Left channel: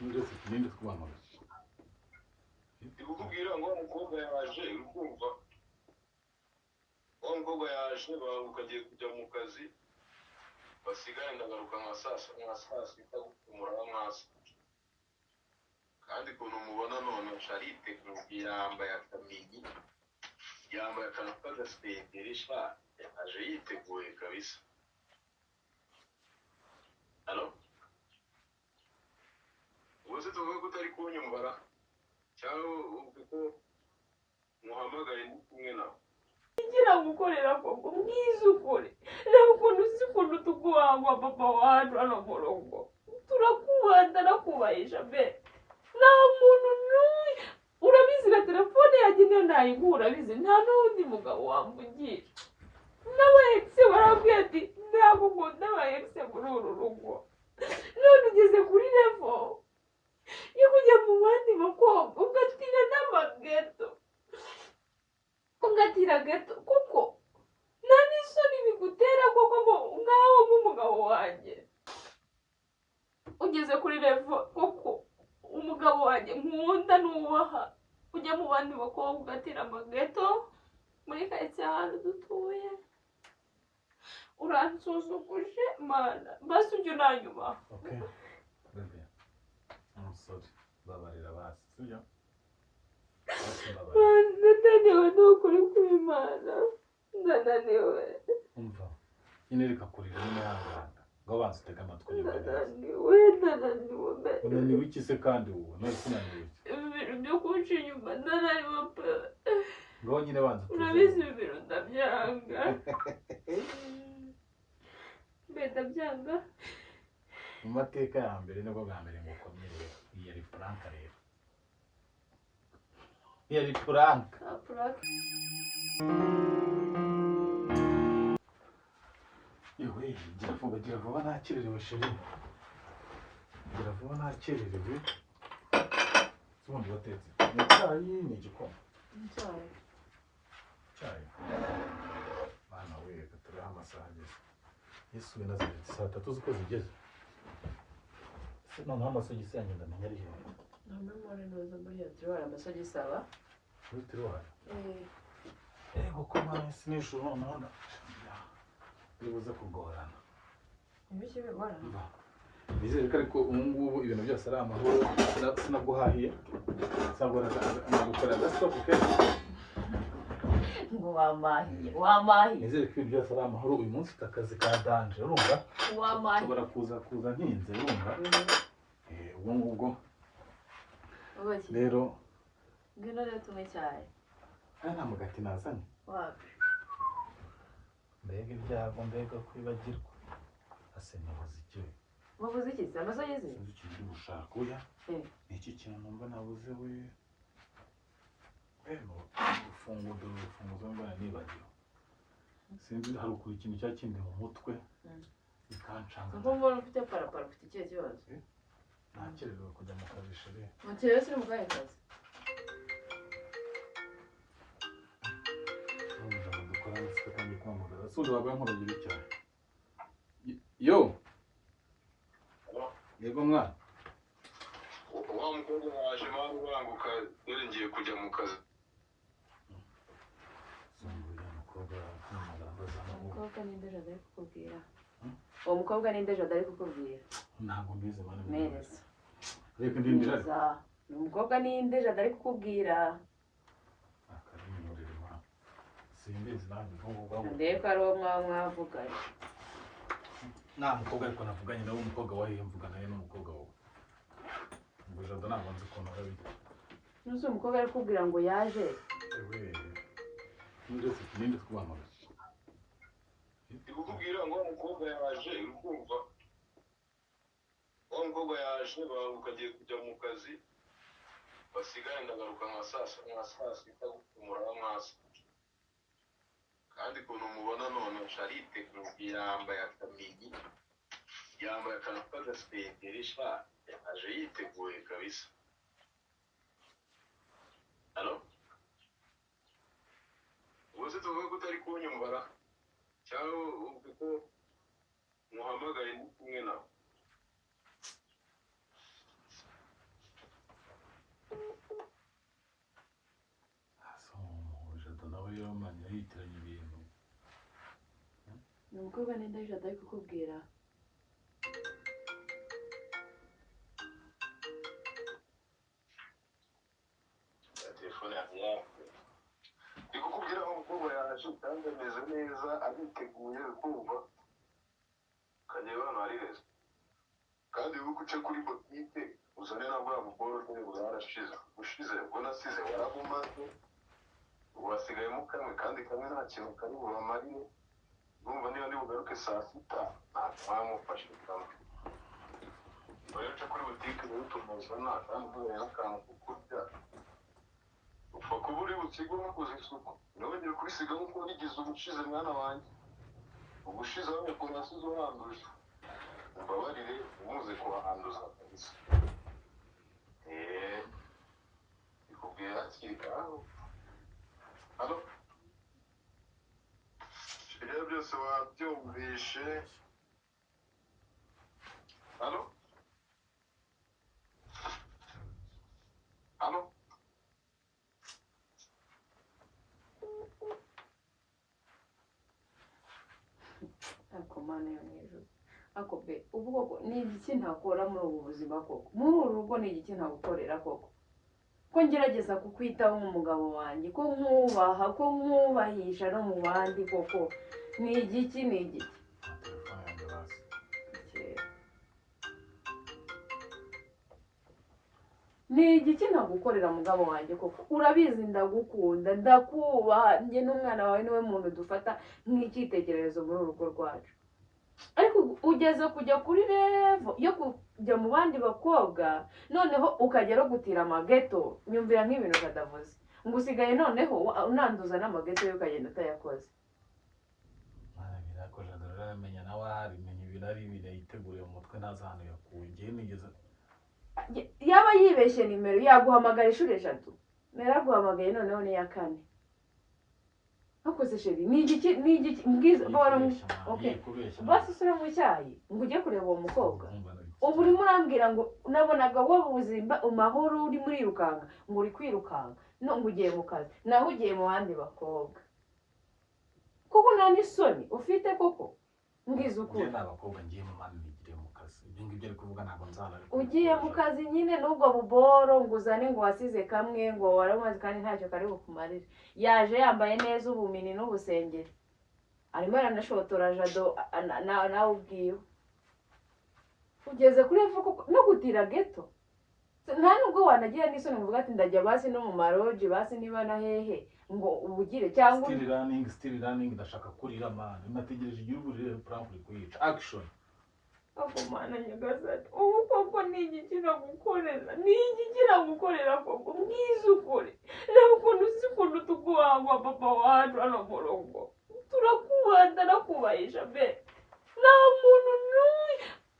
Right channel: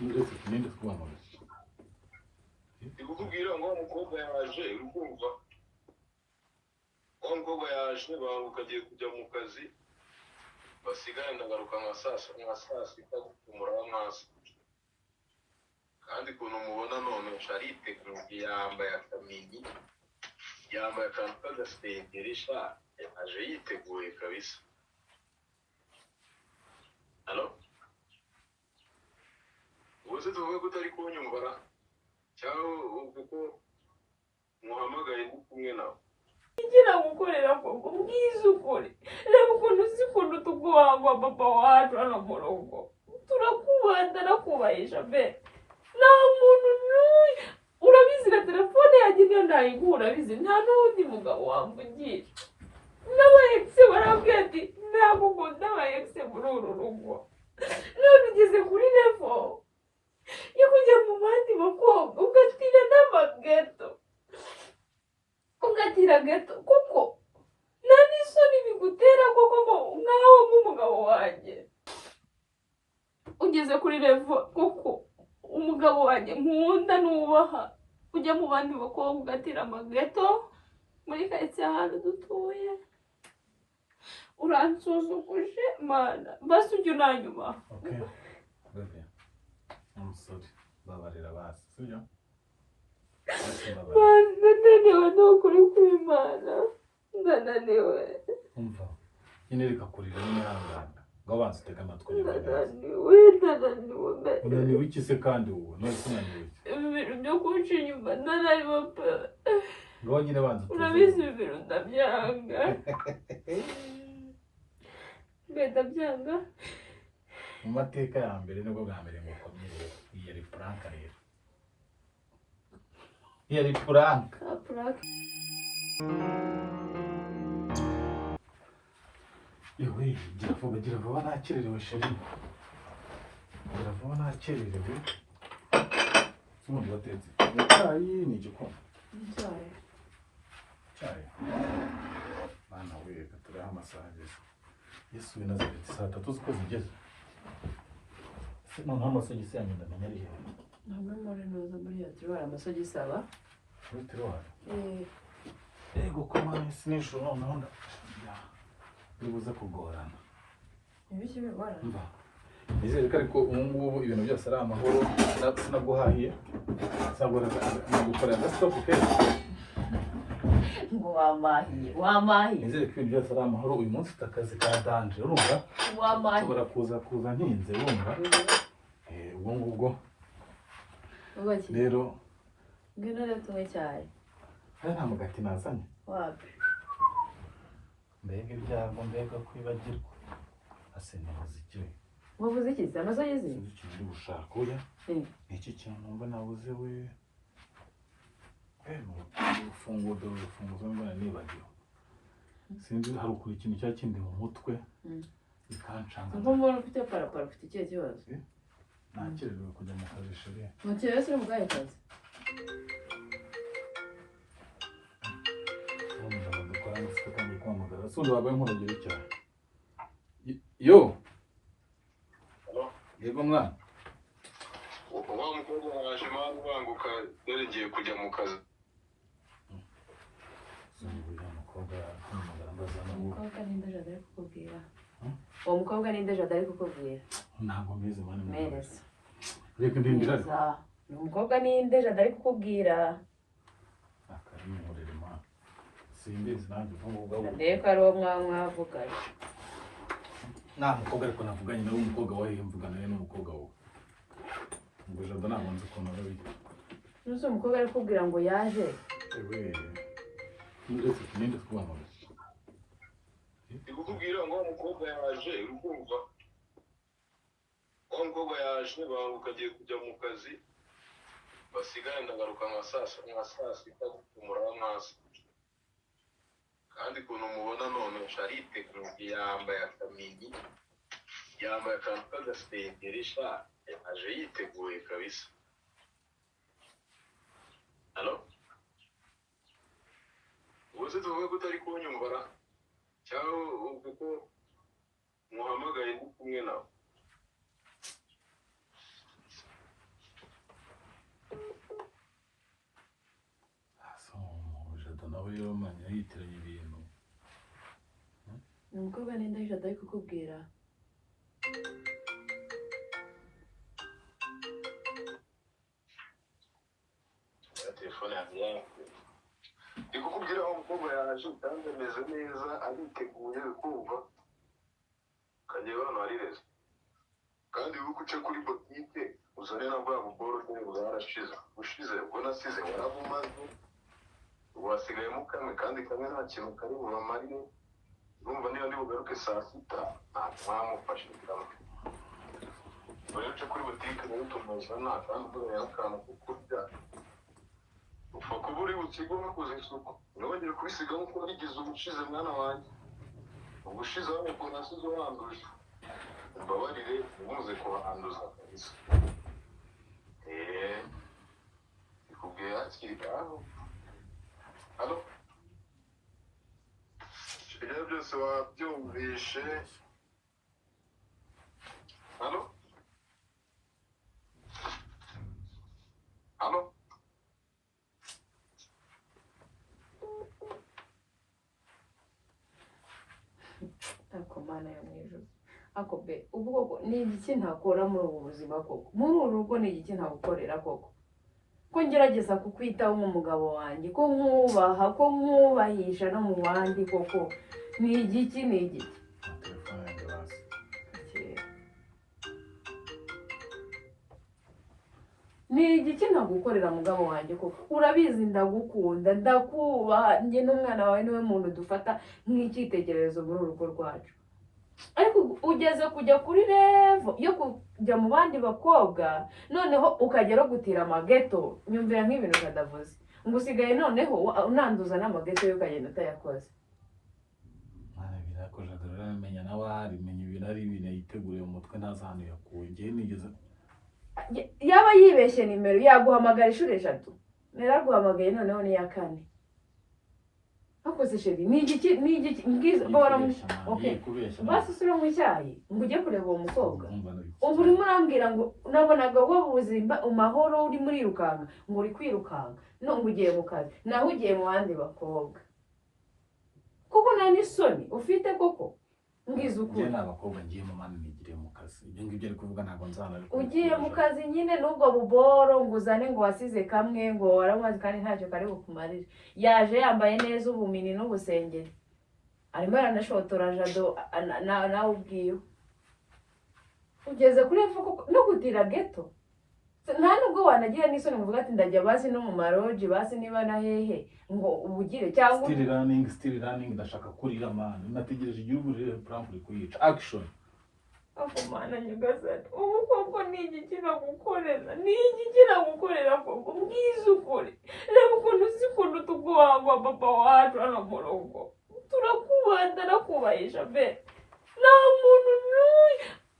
Ninde twamamaza. Ndikubwira ngo umukobwa yaje urukumva. Umukobwa yaje bamukagiye kujya mu kazi. Basigaye ndagaruka nka saa sita kumuraba amaso. Kandi kuntu mubona none Charite yambaye akamini. Yambaye akantu k'agasengerisha aje yiteguye kabisa. Halo? Ubuze tuvuge ko utari kunyumvara cyangwa uko muhamagaye ndi kumwe nawe. Ngira gukorera ngo mbwize ukuri. Reba ukuntu uzi ukuntu tuguhangwa papa wacu hano mu rugo. Turakubanda nakubahisha be. Nta muntu n'umwe urabizi na telefone yanjye niyo nayiguha urabizi nta n'undi mugabo wamvugira. N'abayekise barambwira ati ntabwo ukunda abayekise muri uru rugo. None ugeze kuri level yo kujya mu bandi bakobwa ugatira n'amageto. Ugatira geto kuko nta n'isoni bigutera kuko nkaho nk'umugabo wanjye. Ugeze kuri level kuko umugabo wanjye nkunda nubaha ujya mu bandi bakobwa ugatira amageto muri karitsiye ahantu dutuye. Uransuzuguje mana basi ujya unanyuma. Okay. Baby. I'm sorry. Babarira basi. Sibyo? Ndananiwe n'ukuri kw'Imana. Ndananiwe. Umva. Nyine reka kurira n'imihanganga. Ngo abanza utege amatwi y'ibintu. Ndananiwe. Unaniwe iki se kandi wowe? None unaniwe iki? Ibintu byo kunca inyuma ndananiwe pe. Ngo nyine banza utege. Urabizi ibintu ndabyanga. Ndabyanga. Mu mateka ya mbere nibwo bwa mbere mukomeye iyi ari prank rero. Iyi ari prank. Yewe gira vuba nakererewe sheri. Gira vuba nakererewe. Sumundi watetse. Ni cyayi ni igikoma. Cyayi. Bana we turiho amasaha ageze. Yesu nazareti saa tatu z'uko zigeze. Se noneho amasogisi yanjye ndamenya ari hehe. Ntabwo muri neza muri ya tiwara amasogisi aba. Tiwara? Ego komane sinisho noneho bibuze kugorana. Ibiki bigorana? Mba. Nizere ko ariko ngubu ibintu byose ari amahoro sinaguhahiye. Sabora nagukora agastop keza. Ngo wamahiye. Nizere ko ibintu byose ari amahoro uyu munsi takazi ka danje urumva? Wamahiye. Sabora kuza ntinze urumva? Ubwo ngubwo. Ubaki? Rero ngino rero tumwe cyane. Hari nta mugati nazanye. Wapi? Mbega ibyago mbega kwibagirwa. Ase nabuze iki? Wabuze iki? Amasogisi? Iki ndi gushaka oya. Iki kintu numva nabuze we. Ufunguzo mbona nibagiwe. Sinzi hari ukuri ikintu cya kindi mu mutwe. Bikancanga. Ngo mbona ufite parapara ufite ikihe kibazo? Nakererewe kujya mu kazi sheri. Mukerewe se mu bwahe kazi? Dukora amasiko kandi kwamagara. Sundi wabaye nk'urugero cyane. Yo. Yego mwana. Wa mukobwa waje banguka dore ngiye kujya mu kazi. Umukobwa ninde jada ari kukubwira? Uwo mukobwa ninde jada ari kukubwira? Ntabwo mbizi mwana. Mereza. Reka ndindira ariko. Umukobwa ninde jada ari kukubwira? Akarimurira mwana. Simbizi nanjye vuga. Ndebe ko ari uwo mwavuganye. Nta mukobwa ariko navuganye nawe umukobwa wahiye mvugana nawe n'umukobwa wowe. Ngo jada ntabwo nzi ukuntu arabita. Nusu umukobwa ari kukubwira ngo yaje. Ewe. Ninde twamamaza. Ndikubwira ngo umukobwa yaje urukumva. Umukobwa yaje bamukagiye kujya mu kazi. Basigaye ndagaruka nka saa sita kumuraba amaso. Kandi kuntu mubona none Charite yambaye akamini. Yambaye akantu k'agasengerisha aje yiteguye kabisa. Halo? Ubuze tuvuge ko utari kunyumvara cyangwa uko muhamagaye ndi kumwe nawe. aho rero manya yitiranya ibintu. Ni umukobwa nenda yisha atari kukubwira. Telefone yanjye yawe. Ndi kukubwira aho umukobwa yaje kandi ameze neza ariteguye kumva. Kagiye hano hari heza. Kandi ubu uce kuri botike uzane na bwa bukoro nyine bwarashize. Ushize ubwo nasize warabumaze. Wasigayemo kamwe kandi kamwe nta kintu kari bubamarire. Urumva niba ndi bugaruke saa sita nta mwamufashe kamwe. Uri uce kuri botike niba utumuzana kandi uzanye n'akantu ko kurya. Upfa kuba uri bukigo bakoze isuku. Ntibongere kubisiga nk'uko wabigize ubushize mwana wanjye. Ubushize abonye ukuntu nasize uhanduje. Mbabarire ntimuze kubahanduza kabisa. Ikubwiye hakiri aho. Halo? Ibyo byose wabyumvishe. Halo? Halo? Ako mana yo mwijuru. Ako be ubwo ni iki ntakora muri ubu buzima koko? Muri uru rugo ni iki ntagukorera koko? Ko ngerageza kukwitaho nk'umugabo wanjye, ko mwubaha, ko mwubahisha no mu bandi koko. Ni igiki? Telefone yanjye hasi. Ni igiki ntagukorera mugabo wanjye koko? Urabizi ndagukunda, ndakubaha, njye n'umwana wawe niwe muntu dufata nk'icyitegererezo muri uru rugo rwacu. Ariko ugeze kujya kuri revo yo kujya mu bandi bakobwa, noneho ukajya no gutira amageto. Nyumvira nk'ibintu kadavuze. Ngo usigaye noneho unanduza n'amageto yo ukagenda utayakoze. Mwana birakoje agarura menya nawe hari menya ibintu ari ibintu yiteguriye mu mutwe ntazi ahantu yakuye. Ngiye nigeze Yaba yibeshye nimero yaguhamagara inshuro 3. Naraguhamagaye noneho ni ya 4. Hakoze sheri ni igiki mbwiza bora mu okay basi sura mu cyayi ngo ujye kureba uwo mukobwa. Ubu uri murambwira ngo nabonaga wo buzimba umahoro uri muri rukanga ngo uri kwirukanga no ngo ugiye mu kazi naho ugiye mu bandi bakobwa. Kuko nani soni ufite koko mbwiza ukuri. Njye n'abakobwa ngiye mu mani nigire mu kazi. Ibyo ngibyo ari kuvuga ntabwo nzana. Ugiye mu kazi nyine n'ubwo buboro ngo uzane ngo wasize kamwe ngo waramaze kandi ntacyo kari bukumarire. Yaje yambaye neza ubumini n'ubusengeri. Arimo aranashotora jado nawe ubwiwe. Ugeze kuri ivuko no gutira geto. Nta nubwo wanagira n'isoni ngo ati ndajya basi no mu maroji basi niba na hehe ngo ubugire cyangwa still running ndashaka kurira man. Nategereje igihugu rero plan kuyica action. Ako mana nyagasani. Ubu koko ni igiki nagukorera? Ni igiki nagukorera koko? Mbwiza ukuri. Reba ukuntu uzi ukuntu tugwangwa papa wacu hano mu rugo. Turakubanda nakubahisha be. Nta muntu n'umwe.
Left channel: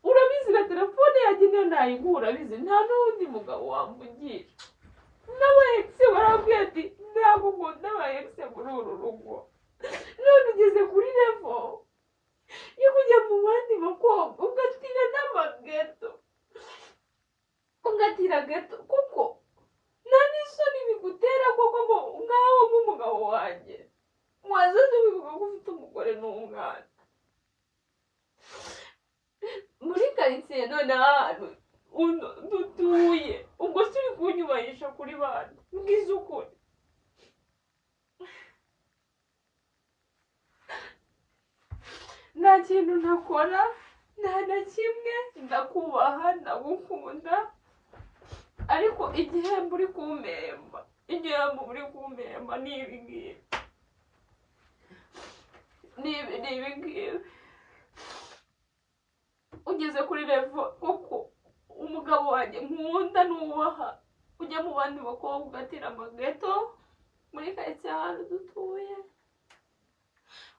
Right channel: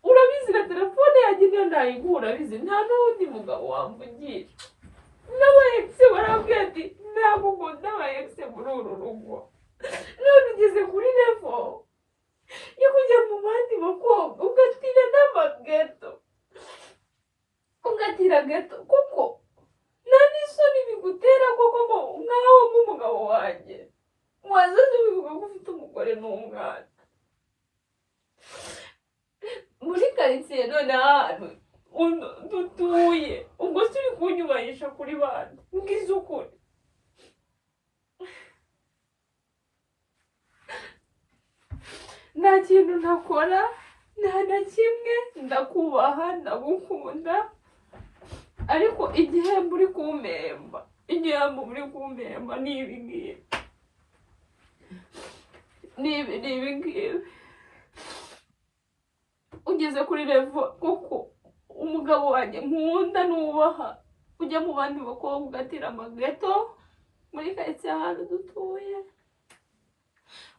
Urabizi na telefone yanjye niyo ntayigura urabizi. Nta n'undi mugabo wamvugisha. N'aba ex barambwira ati ntabwo nkunda aba ex muri uru rugo. None ugeze kuri level yo kujya mu bandi bakobwa ugatira n'amageto. Ugatira geto kuko nta n'isoni bigutera koko nkaho nk'umugabo wanjye. Wazaze bivuga ko ufite umugore n'umwana. Muri karitsiye none ahantu dutuye ubwo si uri kunyubahisha kuri bandi. Mbwiza ukuri. Nta kintu ntakora, nta na kimwe, ndakubaha, ndagukunda. Ariko igihembo uri kumpemba, igihembo uri kumpemba ni ibi ngibi. Ni ibi ngibi. Ugeze kuri revo kuko umugabo wanjye nkunda nubaha ujya mu bandi bakobwa ugatira amageto muri karitsiye ahantu dutuye.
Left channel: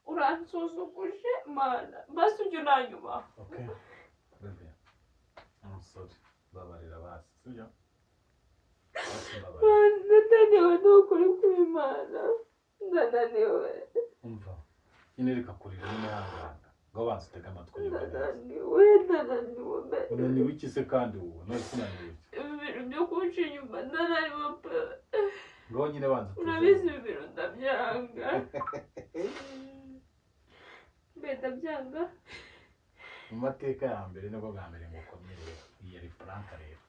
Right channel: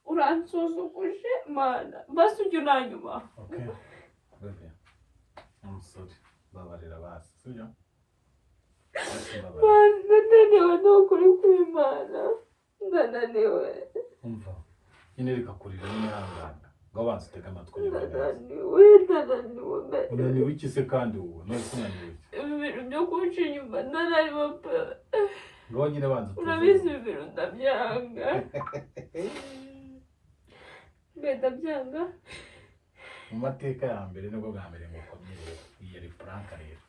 Uransuzuguje mana basi ujye unanyuma. Okay baby I'm sorry babarira basi sibyo. Ndananiwe n'ukuri kw'Imana. Ndananiwe. Umva nyine reka kurira n'umwanganga ngo abanze utege amatwi. Ndananiwe be. Unaniwe iki se kandi wowe? None unaniwe iki? Ibintu byo kunca inyuma ndananiwe pe. ngo nyine banza urabizi ibintu ndabyanga mbe ndabyanga mu mateka ya mbere nibwo bwa mbere ngo ukomeye yari prank rero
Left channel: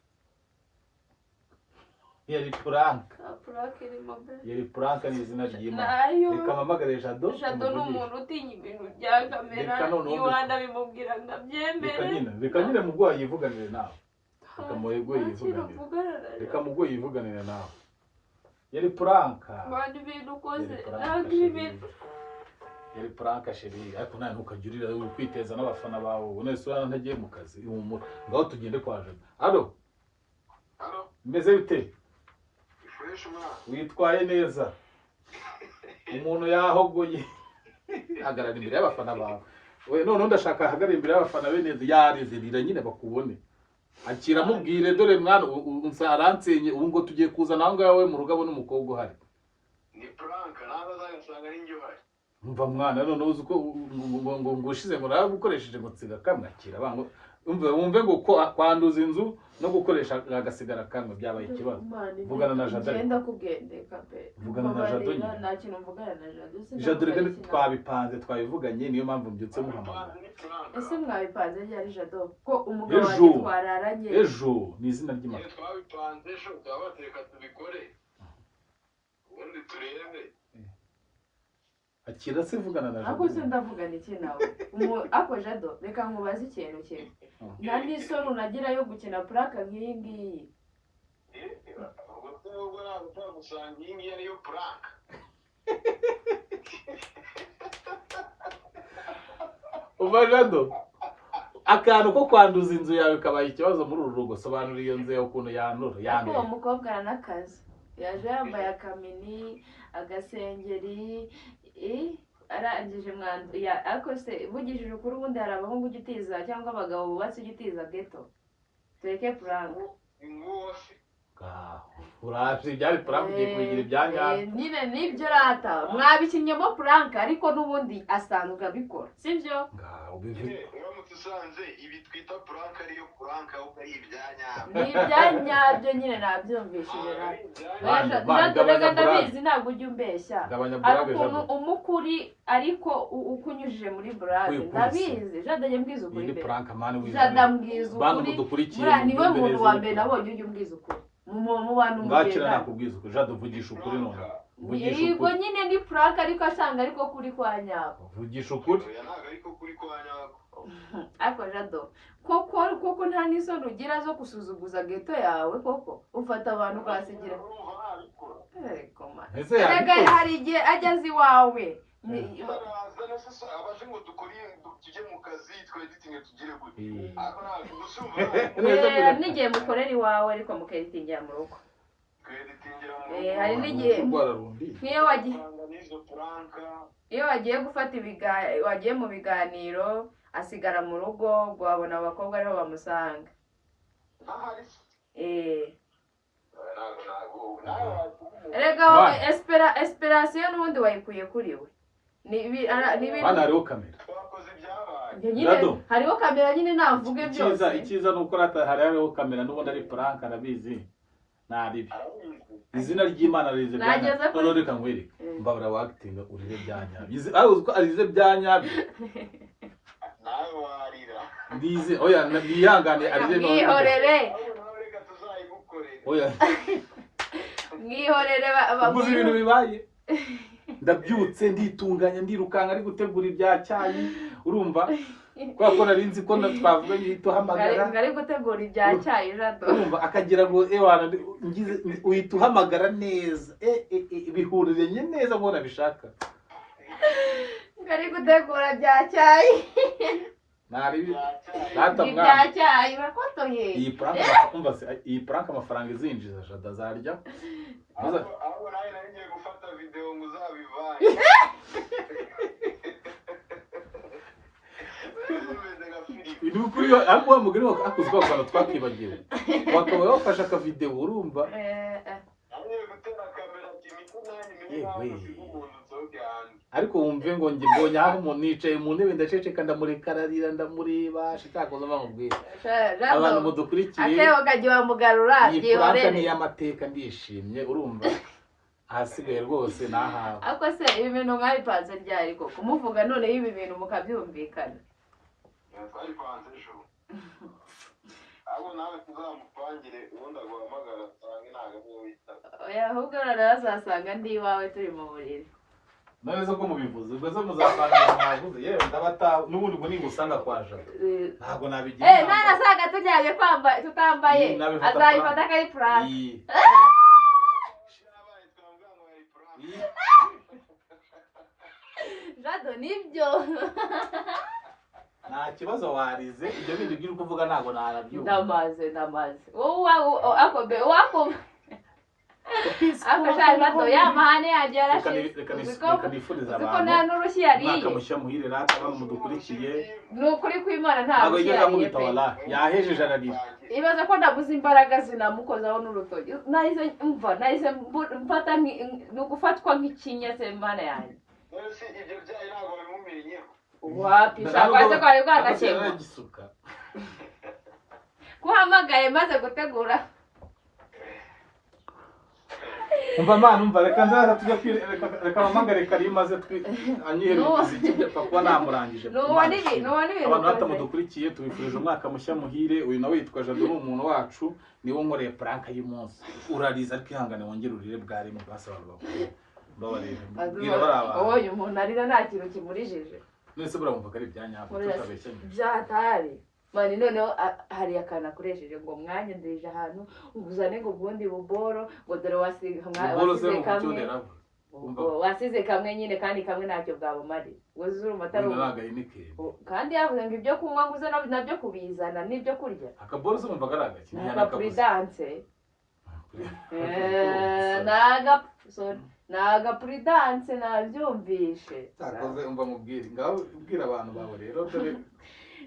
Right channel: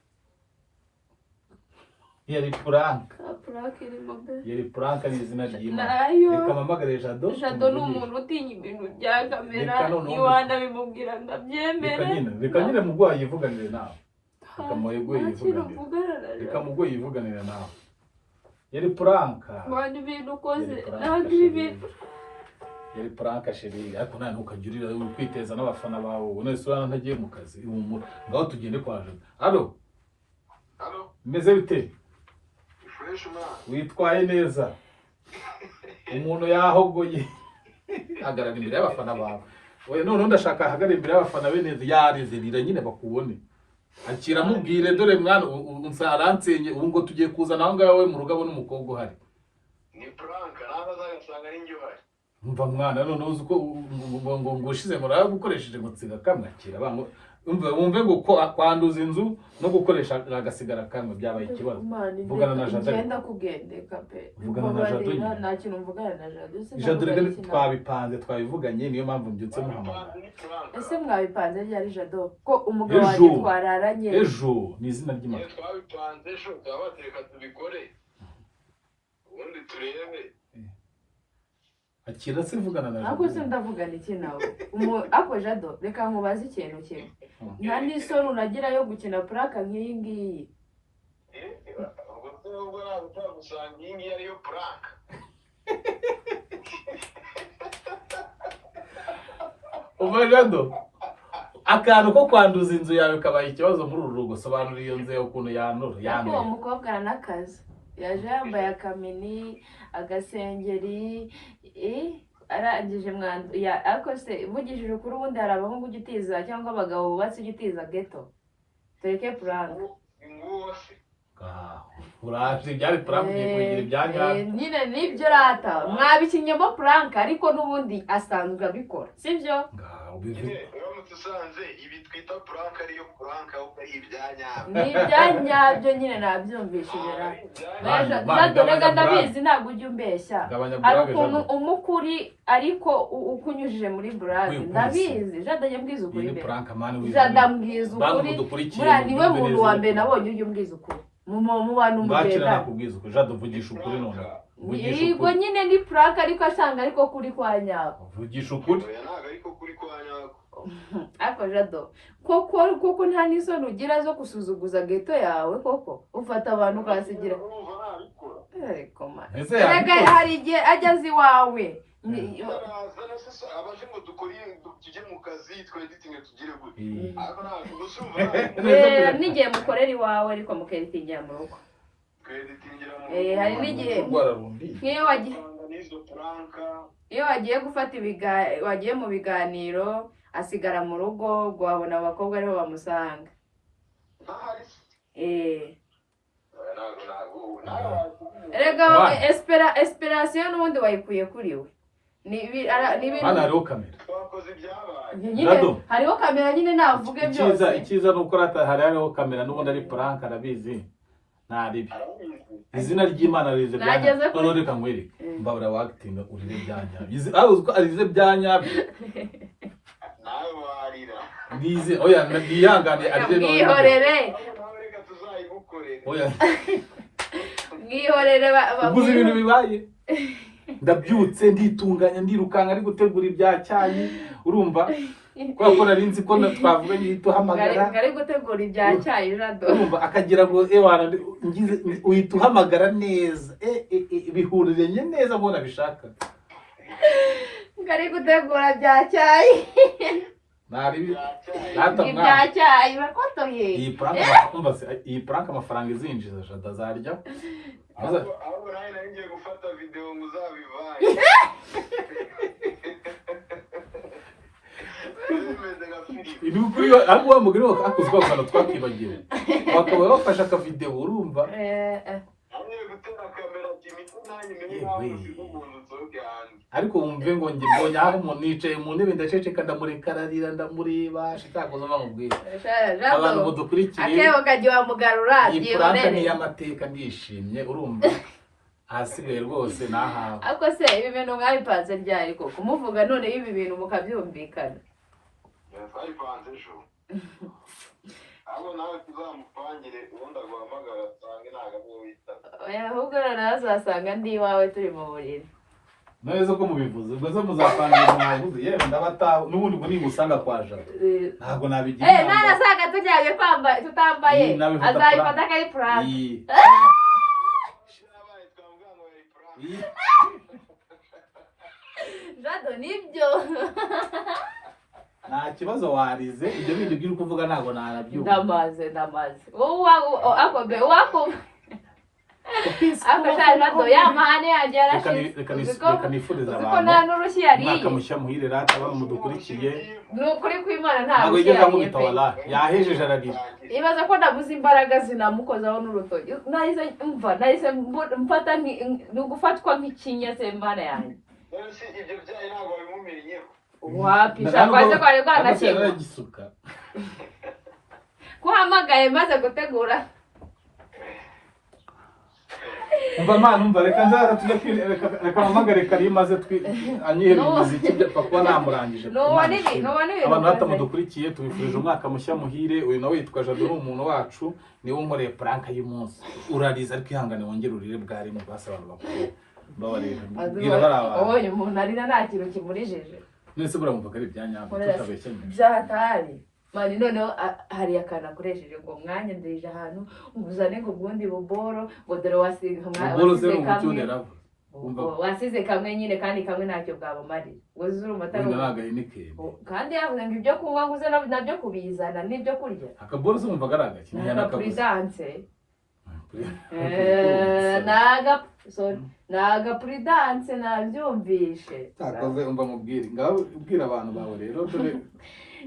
yari prank prank irimo mbe yari prank ni izina ry'Imana nayo rikamamagare Jado Jado ni umuntu utinya ibintu bya kamera iwanda bimubwira ndabyemere reka nyine mugwayi yivuganire nawe reka mugoye yivuganire nawe yari prank bandi bintu koze n'abandi bintu yari prank sheri ariko nta ntukajurira uri kwiteza n'abafana bawe ubone sura ntagiye mu kazi ngaho tugende kwa Jado allo meze bite witwaye neza umuntu yahogoye agarara imbere y'abafana bawe we none ndashaka ahagarara imbere y'abafana be neza yarizirira nyine bakubone akira mubwire dore mwana unsaransenye ubu ngo tugiye kuzana aho ngawe mu rugabo n'umukobwa uhari ni prank naho azasanga ari njye uhari umva mwana none uzi ko ngo ushize ngo gukoresheje ngo tsiga kamwakira bango umve ngo kwanduza inzu no gukoresha agasigara kamwe byabaye ikibazo vugana na Jado ngenda kugendeka pe vugana na Jado nta kintu mvugana na Jado Jado rege twabipanze twabivuganye niyo mpamvu mbyutse muhamagara ese mwabipanze ryari Jado ko umugabo wanjye twararanye ejo ni izina ry'Imana twabipanze ejo twabatereka tubikore ubundi turebe akira se vugana na Jado ako se ndavugana iki nawe ako Jado reka nkubaze ikintu kimwe nta n'isoni unagira yo gukina prank nk'iyi ngiyi ubwo nubwo ntabwo utagusanga iyi ngiyi ariyo prank uva Jado akantu ko kwanduza inzu yawe kabaye ikibazo muri uru rugo sobanura iyo nzu ukuntu yanura uwo mukobwa aranaakazi yaje yambaye akamini agasengeri arangije mwandu ariko se vugishije ukuri ubundi hari abahungu ujya utiza cyangwa abagabo bubatse ujya utiza geto tureke prank uraje byari prank ugiye kugira ibyanya nyine nibyo rata mwabikinyemo prank ariko n'ubundi asanzwe abikora sibyo uramutse usanze ibi twita prank ariyo prank ahubwo ari ibyanyabyo ni ibyanyabyo nyine nabyumvishije rata Jado rega ndabizi ntabwo ujya umbeshya hari ukuntu umukuri ariko ukunyujije muri brave ndabizi Jado ajya mbwiza ukuri be Jado ambwiza ukuri buriya niwe muntu wa mbere nabonye ujya umbwiza ukuri mu bantu mugenda nakubwiza ukuri Jado vugisha ukuri none yego nyine ni prank ariko asanga ariko kuri kwa nyako vugisha ukuri ariko kuri kwa nyako ako Jado koko nta n'isoni ugira zo gusuzuguza geto yawe koko ufata abantu ukasigira ariko hari igihe ajya azi iwawe abaje ngo dukore tujye mu kazi tweditinge tugire gute n'igihe mukorera iwawe ariko mukeditingira mu rugo hari n'igihe iyo wagiye gufata wagiye mu biganiro asigara mu rugo guhabona abakobwa ariho bamusanga rega esperation n'ubundi wayikuye kuri we hano hariho kamera hariho kamera nyine navuge byose icyiza ni uko hariho kamera n'ubundi ari prank arabizi ntaribi izina ry'Imana rize byanya none reka nkwereke mbabura wagitinga urire byanya arize byanyabyo nawe warira ndize oya ndiyangane arire none mwihorere oya mwihorere ubuze ibintu bibaye ndabyutse nditunganya ndirukanga ari gutegura ibya cyayi urumva kwa ko narinzi ko twavuga nyito hamagara ngari gutegura ibya cyayi Jado urumva akagira ngo ewana ngize uhita uhamagara neza bihurire neza ngo nabishaka ngari gutegura bya cyayi nari ibya cyayi bakotoye iyi prank amafaranga izinjiza Jado azarya aho nawe ngiye gufata video ngo uzabivaye Idu kuri ahubwo wa mugore wakoze kwa kantu twakibagiwe wakaba wafashe aka video urumva ariko wumve ngo mbonye aho umuntu yicaye mu ntebe ndaceceka ndamurekararira ndamureba shaka kuzo bamubwira abantu mudukurikiye akebo kagiye wamugarura byihorere ni y'amateka ndishimye urumva ahasigaye rwose nahawe. ariko se ibi bintu mwabipanze ryari koko kumuvuga none ibi bintu mukabyumvikana twabipanze ejo abo nawe tuzamupangire ubundi aguhamagara asange ntabwo ariwe witaba oya ahubwo noneho azasanga ndi iwawe turi mu buriri Nawe zo ko mubivuze ubwo zo muzapangira mwavuze yewe ndabata n'ubundi ngo nimusanga kwa Jado ntabwo nabigira none asanga tujyanye tutambaye azayifata akari purante Jado nibyo nta kibazo warize ibyo bindi biri kuvuga ntabwo narabyumva ndamaze wako Jado yamahane yagera reka nifuriza ko nta n'urushyi yariye umwaka mushya muhire rata bamudukurikiye ni ukuri kw'Imana nta ntabwo rushyi yigeze yariye amubita wala yahejeje ararira ibaza ko ndabuze imbaraga zinamukozaho n'urutoki nahise mfata ni ugufatwa nk'ikinya se mbana yanjye none se ibyo byayi ntabwo bimumenyeho wapisha kwaze kwari bwanakeka kuhamagaye maze gutegura umva reka nzaza tujya reka mpamagare Karim maze anyihera imiziki kuba namurangije abantu batamudukurikiye tubifurije umwaka mushya muhire uyu nawe yitwa Jado ni umuntu wacu niwe unkoreye prank y'umunsi urariza ariko ihangane wongere urire bwari mu basa abantu bakuru babarira mbwira baraba oye umuntu arira nta kintu kimurijije nese buramuvuga ari ibyanyabyo tutabeshye byatari mani noneho hari akana akoresheje ngo mwanya ndirije ahantu nguzane ngo ubundi buboro ngo dore wasize kamwe nyine kandi kamwe ntacyo bwabumari wuzura umatara kandi yavuze ngo ibyo kunywa nguze nabyo kubizana n'ibyo kurya akaboro se umvaga ari agaki naga prudence nabyumvishe takoze umva mubwire ngaho ubwira abantu bawe rero dore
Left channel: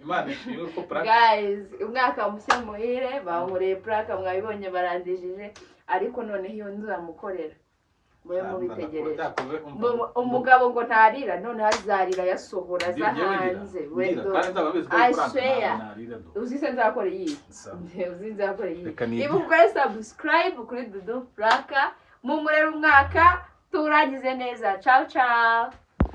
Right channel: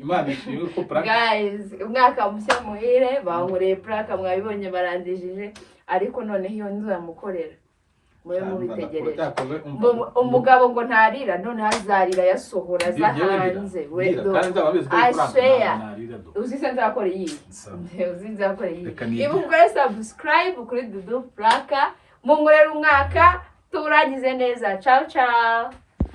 Imana ishimwe ko prank guys umwaka mushya muhire bankureye prank mwabibonye barandijije ariko noneho iyo nzamukorera mwe mubitegereje umugabo ngo ntarira none hazarira yasohora za hanze we uzize nzakora iyi ibu ukore subscribe kuri Dudu Plaka mumurera umwaka turangize neza ciao ciao